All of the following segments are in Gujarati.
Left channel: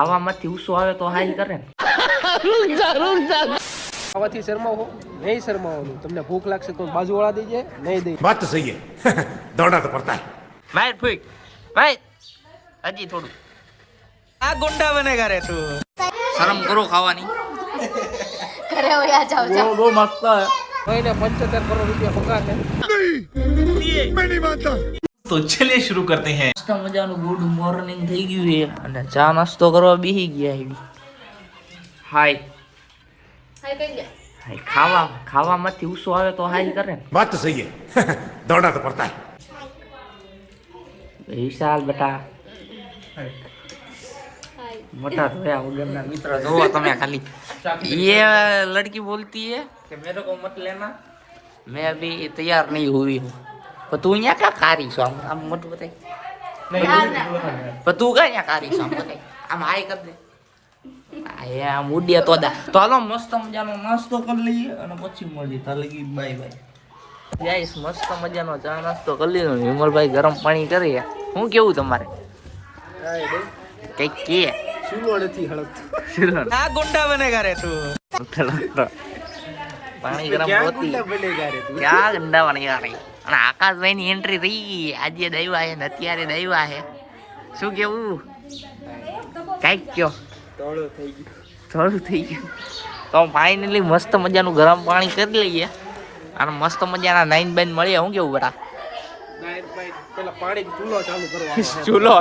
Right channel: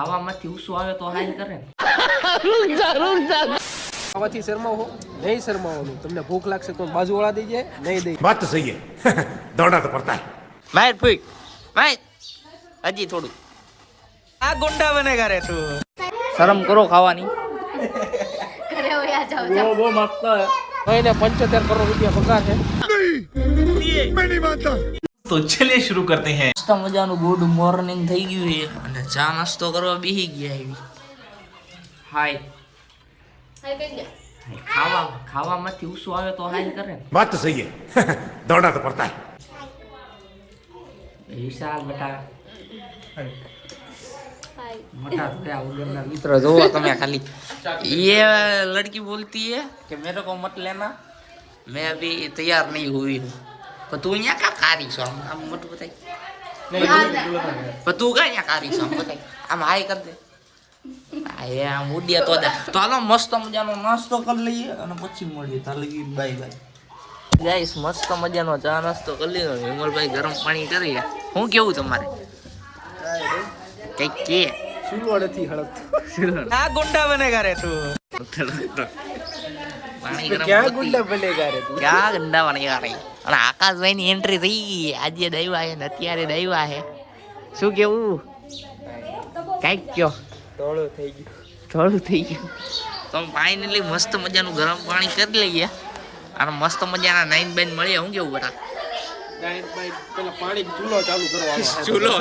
ખાવામાંથી ઉસો આવે તો હાઈ કરે ને ખાવાથી શરમાવો નહીં શરમાવાનું. તમને ભૂખ લાગશે તો બાજુવાળા દઈ જાય નહીં દઈ. बात तो सही है दौड़ना तो पड़ता है. ભાઈ ફૂક ભાઈ હજી થોડું આ ગુંડા બનેગા રે તું શરમ કરો ખાવાની અરે ઓયા જાઓ જાઓ બહુ મસ્ત હે. એને 75 કરોડ રૂપિયા પગાર છે. तो चलिए शुरू करते हैं. મસ્ત મજાનું ગુડ મોર્નિંગ થઈ ગયું છે અને ચા નાસ્તો કરવા બેસી ગયા એવી હાય હાય કઈ ગયા હાય ખાવામાંથી ઉસો આવે તો હાઈ કરે ને बात तो सही है दौड़ना तो पड़ता है. વિશાલ બેટા હાય मोटा थोड़ा वगैरह मित्र जो तुम्हें खाली ये लड़की बोलती है कि मेरे को मत लेना मैं अभी तैयार नहीं हुई हूँ पर तू यहाँ क्या कारी सो हम मत बताई पर तू क्या यहाँ कारी सो हम बताई हम हाय कर दे आया मुडिया तो दा तो हालो मस्त मजानो नास्तो કરી લઈએ અને પછી મળીએ તાર લગી બાય બાય ગાઈસ મસ્ત મજાનો ચા નાસ્તો કરી લીધો વિમલભાઈ ગરમ પાણી કરી હું કેવું તમારે કઈ કે સુલવાડેથી હળક. આ ગુંડા બનેગા રે તું પાણી ગરમ હોતી બનેગા રે તું. ક્યાં ગંડા બનેગા રે અને આકાશભાઈ ની એન્ટ્રી થઈ આજે દઈવા હે ને અત્યારે દઈવા હે શું કેવું કઈક કયો તોળો થઈ ગયો. થોડું થઈ ગયું તો ફાઇનલી મસ્ત મજાનું ગરમ પાણી કરી લઈએ અને મસ્ત મજાના નાઈન બાઈન મળીએ હું કેવું બરા પેલા પાણી ચૂલો ચાલુ કરવાનો. ચૂલો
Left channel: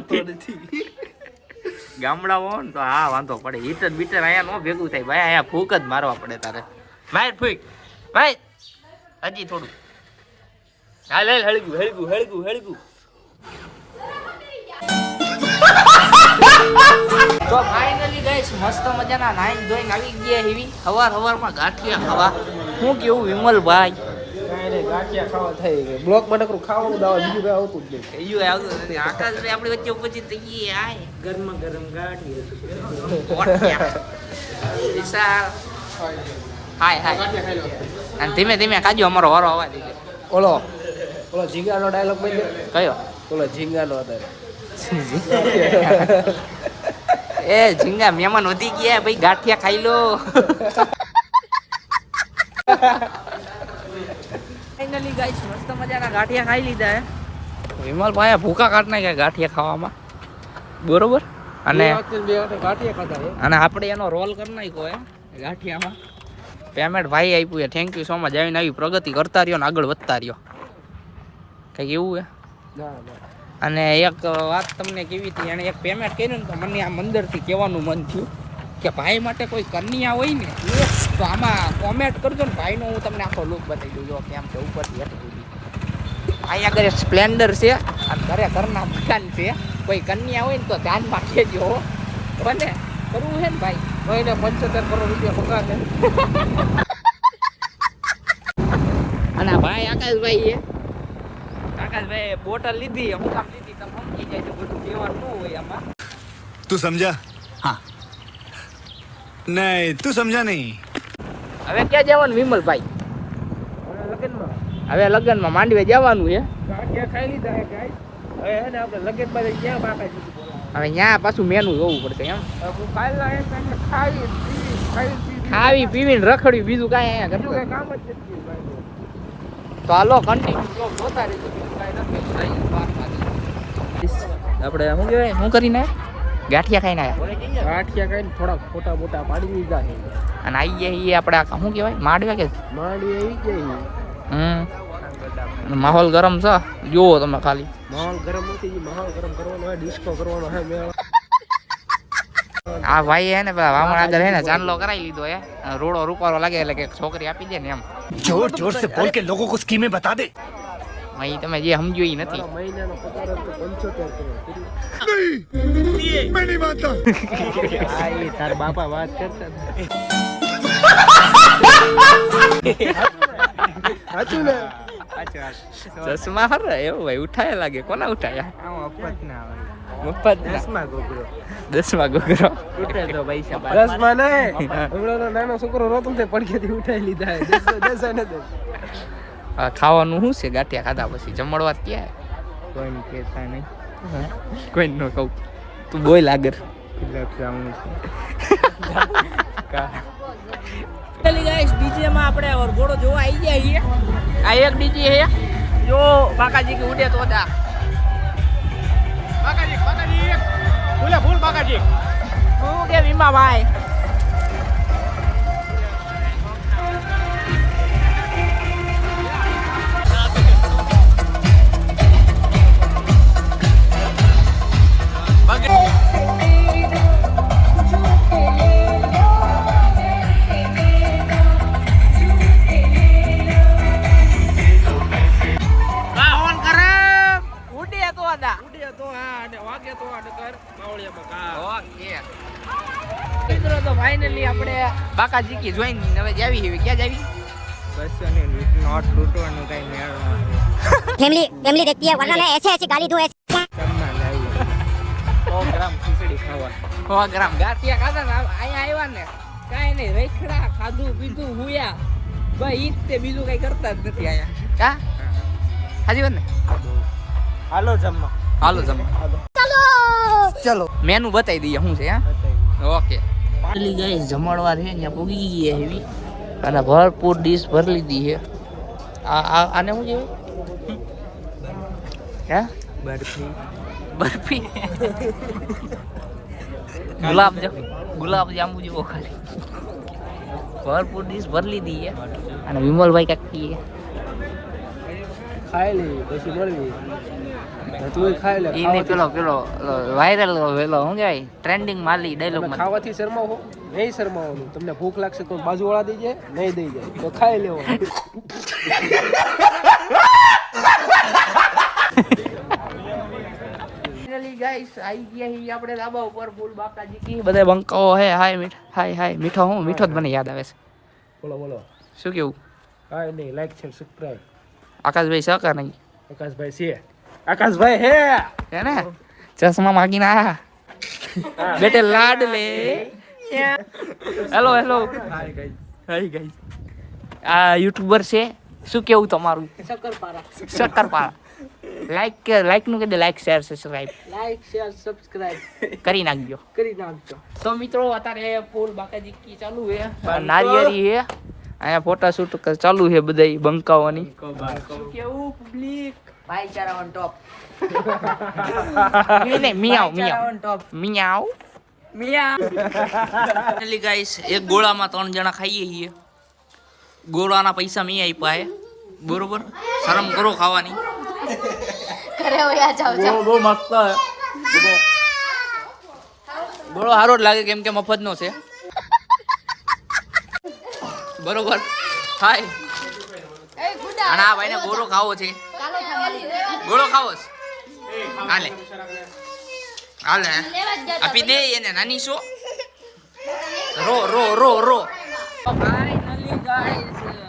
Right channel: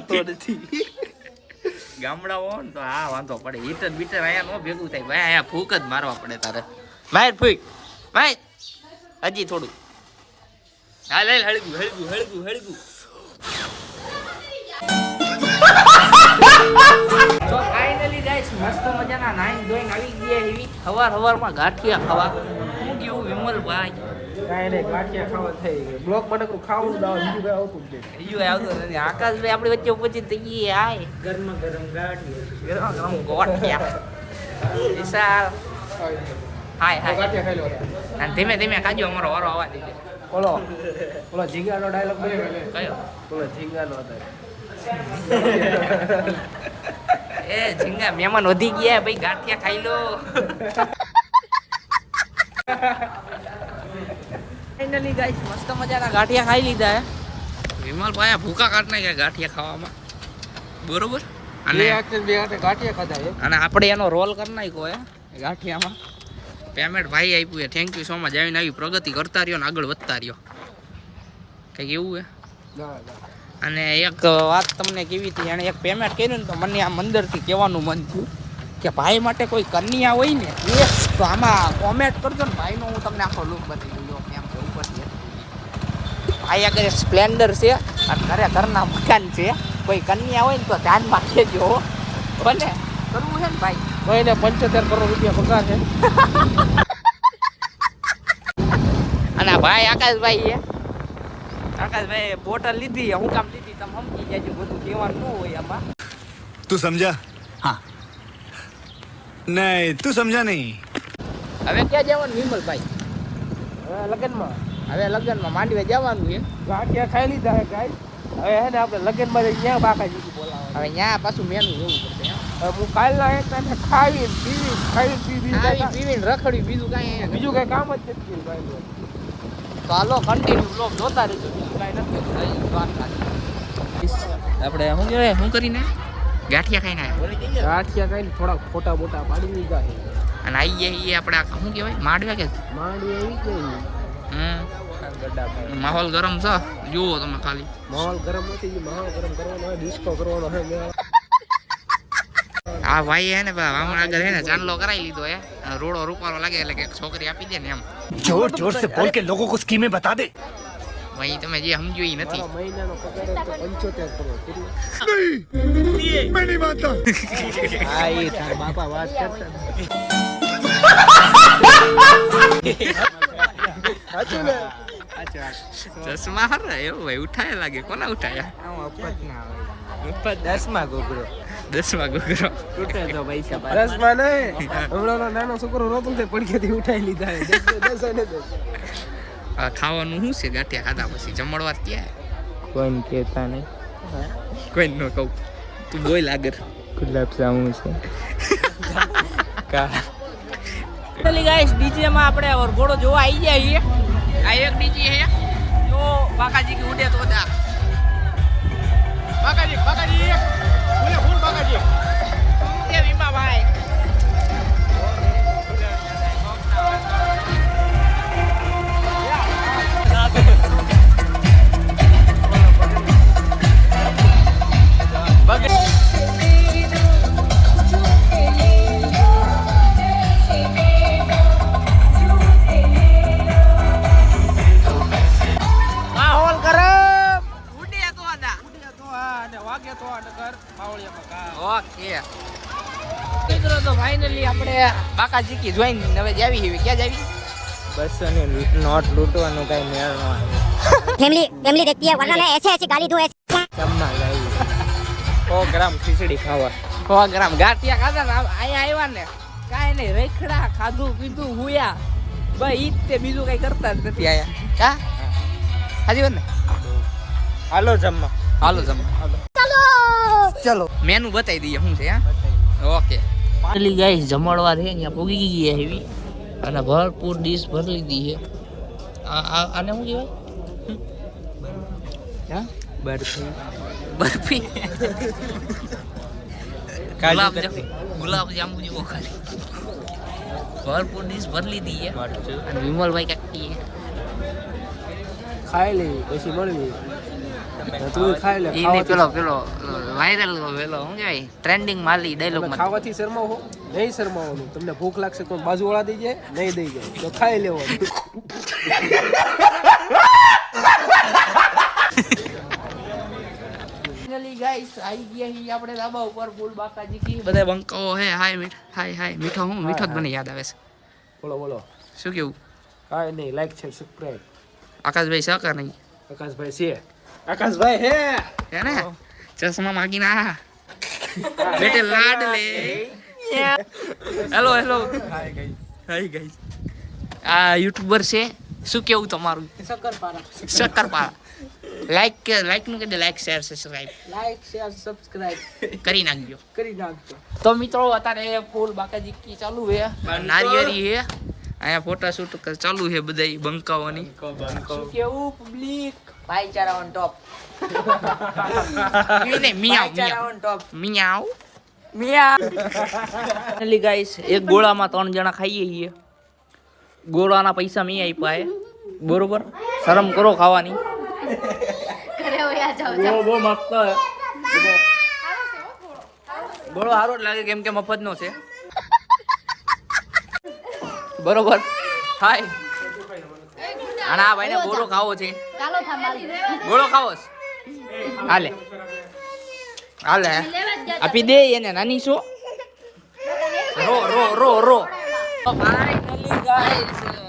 નથી ગામડા હો ને તો હા વાંધો પડે હીટર બીટર અહીંયા નો ભેગું થાય ભાઈ અહીંયા ફૂક જ મારવા પડે તારે ભાઈ ફૂક ભાઈ હજી થોડું હા લે હળગું તો ફાઇનલી ગાઈસ મસ્ત મજાના નાઈન ધોઈને આવી ગયા એવી હવારમાં ગાંઠિયા ખાવા હું કેવું વિમલભાઈ કાંઈ નહીં, ગાંઠિયા ખાવા થઈ ગઈ. બ્લોક બનાકરું ખાવાનું દાવા બીજું કઈ આવતું જ નહીં. કયું આવતું નથી આકાશભાઈ આપણી વચ્ચે પછી તઈ આય ગરમા ગરમ ગાંઠિયા ગરમ ગોઠિયા વિશાલ હાય ગાંઠિયા ખાઈ લો. અને ધીમે ધીમે ખાજો અમારો વારો આવવા દીધો ઓલો ઝીંગાનો ડાયલોગ બોલ્યો. કયો ઓલો ઝીંગાનો હતો. એ ઝીંગા મહેમાન વધી ગયા ભાઈ ગાંઠિયા ખાઈ લો ફાઇનલી ગાઈસ મસ્ત મજાના ગાંઠિયા ખાઈ લીધા હે વિમલભાઈ ભૂકા કાઢ નાખ્યા ગાંઠિયા ખાવામાં બરોબર અને બે હાથે ગાંઠિયા ખાધા છે. અને આપણે એનો રોલ કરી નાખ્યો હે ગાંઠિયામાં પેમેન્ટ ભાઈ આપ્યું છે થેન્ક યુ સો મચ આવીને આવી પ્રગતિ કરતા રહ્યો ને આગળ વધતા રહ્યો કંઈક એવું હે ના અને એક વાત તમને કેવી હતી એણે એક પેમેન્ટ કર્યું ને તો મને આમ અંદરથી કહેવાનું મન થયું કે ભાઈ માટે કોઈ કન્યા હોય ને તો આમાં કોમેન્ટ કરજો ને ભાઈનો હું તમને આખો લુક બતાવી દઉં જો કેમ છે ઉપરથી હેઠ સુધી ભાઈ આગળ એક સ્પ્લેન્ડર છે અને ઘરના મકાન છે કોઈ કન્યા હોય ને તો ધ્યાનમાં કહેજો ભલે કરવું છે ને ભાઈ એને 75 કરોડ રૂપિયા પગાર છે. અને ભાઈ આકાશભાઈ બોટલ લીધી હું કામ લીધી તમે સમજી જાય બધું કહેવાનું ન હોય આમાં तू समझा हाँ नहीं तू समझा नहीं. હવે ક્યાં જવાનું વિમલભાઈ હવે લગ્નમાં હવે લગ્નમાં માંડવે જવાનું છે ગાંઠિયા ખાઈ લીધા છે ગાય. હવે હે ને આપણે લગ્નમાં જઈને ત્યાં બાકા જુદી બોલાવે. અને ત્યાં પાછું મેનુ જોવું પડશે એમ હવે હું કાલના એક કામ ખાઈ પીવી ખાવી પીવીને રખડ્યું બીજું કાંઈ અહીંયા બીજું બીજું કઈ કામ જ નથી. તો હાલો કન્ટિન્યુ બ્લોગ જોતા રહેજો બીજું કાંઈ આપણે શું જોઈએ શું કરીને ગાંઠિયા ખાઈને આવ્યા ગાંઠિયા ખાઈને થોડા ફોટા બોટા પાડી દીધા છે. અને આવી ગયા આપણે આ શું કહેવાય માંડવે કે માંડી આવી ગઈ. માહોલ ગરમ છે જુઓ તમે ખાલી માહોલ ગરમ નથી, માહોલ ગરમ કરવાનો હોય, ડિસ્કો કરવાનો હોય. આ ભાઈ હે ને વામણ આગળ હે ને ચાંદલો કરાવી લીધો હે રોડો રૂપારો લાગે એટલે કે છોકરી આપી દે ને એમ जोर जोर से बोल के लोगों को स्कीमें बता दे. ભાઈ તમે જે સમજો એ નથી મારા મહિનાનો પગાર જ તો 75 કરોડ. मैं नहीं मानता. હા એ તાર બાપા વાત કરતા ચશ્મા હર એવું ભાઈ ઉઠાયા લાગે કોના ઉઠાયા મફત ના હોય. મફત 10માં ગોગરો. 10માં ગોગરો ઉઠે તો પૈસા બાદ 10માં નહીં. હમણાં નાનો છોકરો રોતો ને પડખેથી ઉઠાઈ લીધા હે. 10 ને તો ખાવાનું શું છે ગાંઠિયા ખાધા પછી જમણવાર ક્યાં કોઈને કહેતા નહીં. કોઈ ન કહું તું બોલ આગળ ગુલાબ જામુન છે ચલી ગાઈસ ડીજે માં આપણે વરઘોડો જોવા આવી ગયા છીએ આ એક ડીજે છે જો બાકાજી કે ઉડે તો દા બાકાજી બોલે ફૂલ બાકાજી તું કે વીમા ભાઈ બાકાજી કી જોઈન હવે જાવી હે ક્યાં જાવી બસ અને નોટ લૂંટવાનો કઈ મેળ ન આવ્યો फैमिली देखती है वरना मैं ऐसे ऐसे गाली दूं ऐसे જમવા લાવી 100 ગ્રામ ખીચડી ખાવા 100 ગ્રામ ગાંઠિયા ખાધા ને અહીંયા આવ્યા ને કાઈ નહીં રેખડા ખાધું પીધું હુયા બસ ઈ તે બીજું કઈ કરતા જ નથી અહીંયા કા હાજી વાત ને હાલો જમવા હાલો જમવા ચલો મેનુ બતાવી દઈએ શું છે હા ઓકે પાલી ગાઈસ જમણવાર છે અહીંયા પૂગી ગઈ છે એવી અને ભરપૂર ડીશ ભરી લીધી છે આને શું કહેવાય હે બરફી બરફી ગુલાબ જાંબુ જેવો ખાલી ભરપૂર ડીશ ભરી લીધી છે અને વિમલભાઈ કાકી ખાઈ લે પછી મળવી તું ખાઈ લે એને પેલો વાયરલ પેલો શું કહેવાય ટ્રેન્ડિંગ માલી ડાયલોગ માં ખાવાથી શરમાવ હો નહીં શરમાવાનું તમને ભૂખ લાગશે તો બાજુવાળા દઈ જાય નહીં દઈ જાય તો ખાઈ લેવાનું ફાઇનલી ગાઈસ આવી ગયા હી આપણે ધાબા ઉપર ફૂલ બાકાજી કી બધે બંકાઓ હે હાય મીઠો હું મીઠો જ મને યાદ આવે છે બોલો શું કેવું કાઈ નહીં લાઈક શેર સબસ્ક્રાઇબ આકાશભાઈ સહકાર નહીં આકાશભાઈ છે આકાશભાઈ હે ને ચશ્મા માગીને આયા બેટે લાડ લે હેલો હાય ગાઈસ આ યુટ્યુબર છે શું કેવું તમારું શક્કરપારા લાઈક નું કહી દે લાઈક શેર સબસ્ક્રાઇબ કરી નાખજો તો મિત્રો અત્યારે ફૂલ બાકાજી કી ચાલુ છે નારિયેરી છે અહીંયા ફોટા શૂટ ચાલુ છે બધા બંકાઓની શું કેવું પબ્લિક ભાઈચારા ઓન ટોપ મિયાવ ગાઈસ એક ગોળામાં 3 જણા ખાઈએ છીએ ગોળાના પૈસા મેં આપ્યા હે બરોબર શરમ કરો ખાવાની બહુ મસ્ત ગોળો સારો જ લાગે કેમ કે મફત નો છે બરોબર હાય અને આ ભાઈને ગોળો ખાવો છે ગોળો ખાવો છે હાલે આપી દે એને નાની શું રો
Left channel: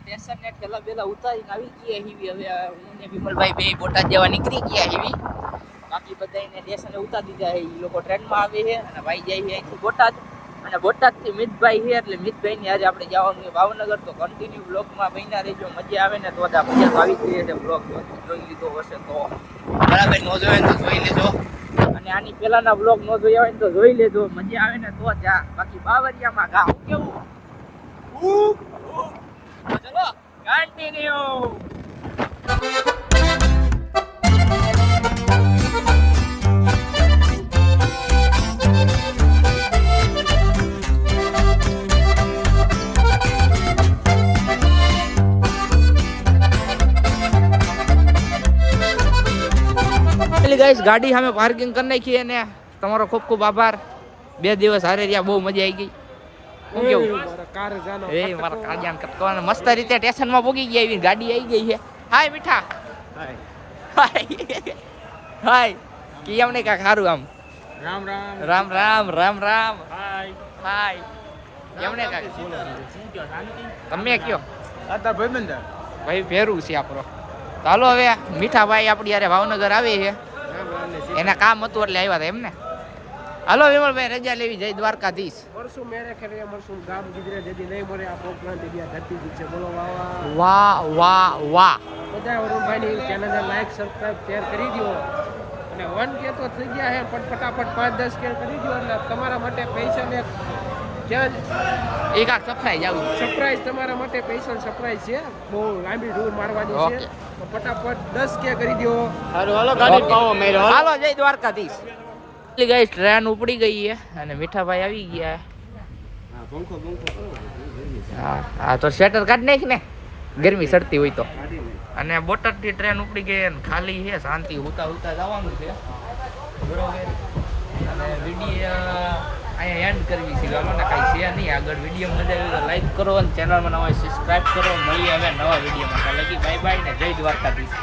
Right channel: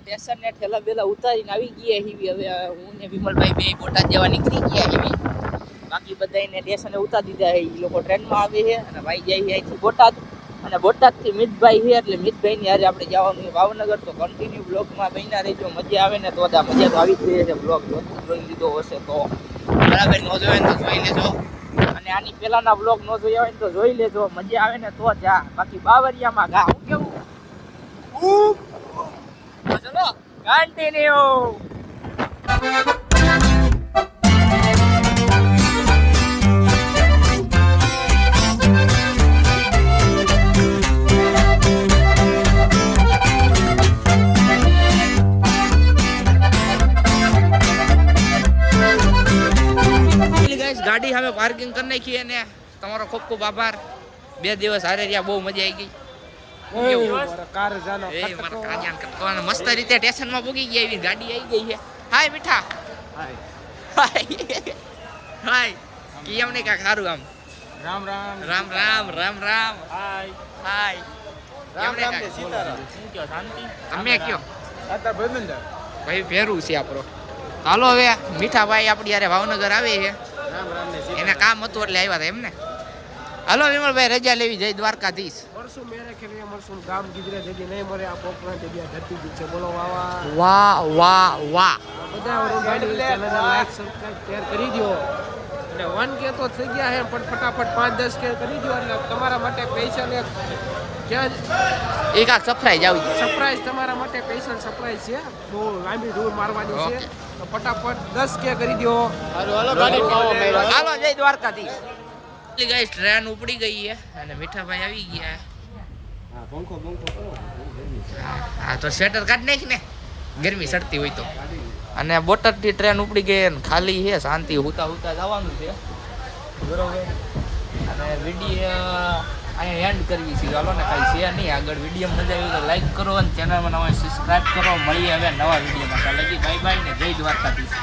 સ્ટેશન ને ઠેલા બેલા ઉતારીને આવી ગયા હીવી હવે હું ને વિમલભાઈ બે બોટાદ જવા નીકળી ગયા હીવી બાકી બધાને સ્ટેશને ઉતારી દીધા છે ઈ લોકો ટ્રેનમાં આવે છે અને ભાઈ જાય છે અહીંથી બોટાદ અને બોટાદથી મિતભાઈ છે એટલે મિતભાઈની હારે આપણે જવાનું છે ભાવનગર તો કન્ટિન્યુ બ્લોગમાં બન્યા રહેજો મજા આવે ને તો મજા તો આવી જ ગઈ છે બ્લોગ જોઈ લીધો હશે તો બરાબર નો જોવે તો જોઈ લેજો અને આની પહેલાના બ્લોગ નો જોયા હોય તો જોઈ લેજો મજા આવે ને તો જા બાકી બાવરિયામાં ગા કેવું ચલો કન્ટિન્યુ ગાઈસ ગાડી સામે પાર્કિંગ કરી નાખી અને તમારો ખૂબ ખૂબ આભાર 2 દિવસ હારે રહ્યા બહુ મજા આવી ગઈ મસ્ત રીતે સ્ટેશનમાં પહોંચી ગયા એવી ગાડી આવી ગઈ છે હાય મીઠા હાય કેમ ને કાક સારું આમ રામ હાય કેમ ને કાક તમે કયો ભાઈ ફેરું છે આપણો ચાલો હવે મીઠા ભાઈ આપણી યારે ભાવનગર આવે છે એના કામ હતું એટલે આવ્યા હતા એમને હાલો વિમલભાઈ રજા લેવી જય દ્વારકાધીશ મળશું મેરે ખેલે મળશું ગામ ગુજરે જદી નહીં મળે આ પોકરાન જગ્યા ધરતી જ છે બોલો વાહ બધા વરુણભાઈની ચેનલને લાઈક સબસ્ક્રાઇબ શેર કરી દો એટલે 1K તો થઈ ગયા છે પણ ફટાફટ 5-10K કરી દો એટલે તમારા માટે સ્પેશિયલ એક ક્યાં એક આ સરપ્રાઈઝ આવી ગઈ. સરપ્રાઈઝ તમારા માટે સ્પેશિયલ સરપ્રાઈઝ છે. બહુ લાંબી ટૂર મારવાની છે. ઓકે. તો ફટાફટ 10K કરી દો. હાલો જય દ્વારકાધીશ. ગાઈસ ટ્રેન ઉપડી ગઈ છે અને મીઠાભાઈ આવી ગયા. હા પંખો કરો. હા તો સ્વેટર કાઢ નાખ ને ગરમી સડતી હોય તો. અને બોટાદથી ટ્રેન ઉપડી ગઈ અને ખાલી છે, શાંતિ હુતા જવાનું છે બરોબર. અને વિડીયો અહીંયા એન્ડ કરવી છે. ચાલો ને કાંઈ છે નહીં આગળ. વિડીયો મજા આવી તો લાઈક કરો અને ચેનલમાં નવા સબસ્ક્રાઈબ કરો. મળીએ હવે નવા વિડીયોમાં. ત્યાં લગી બાય બાય ને જય દ્વારકાધીશ.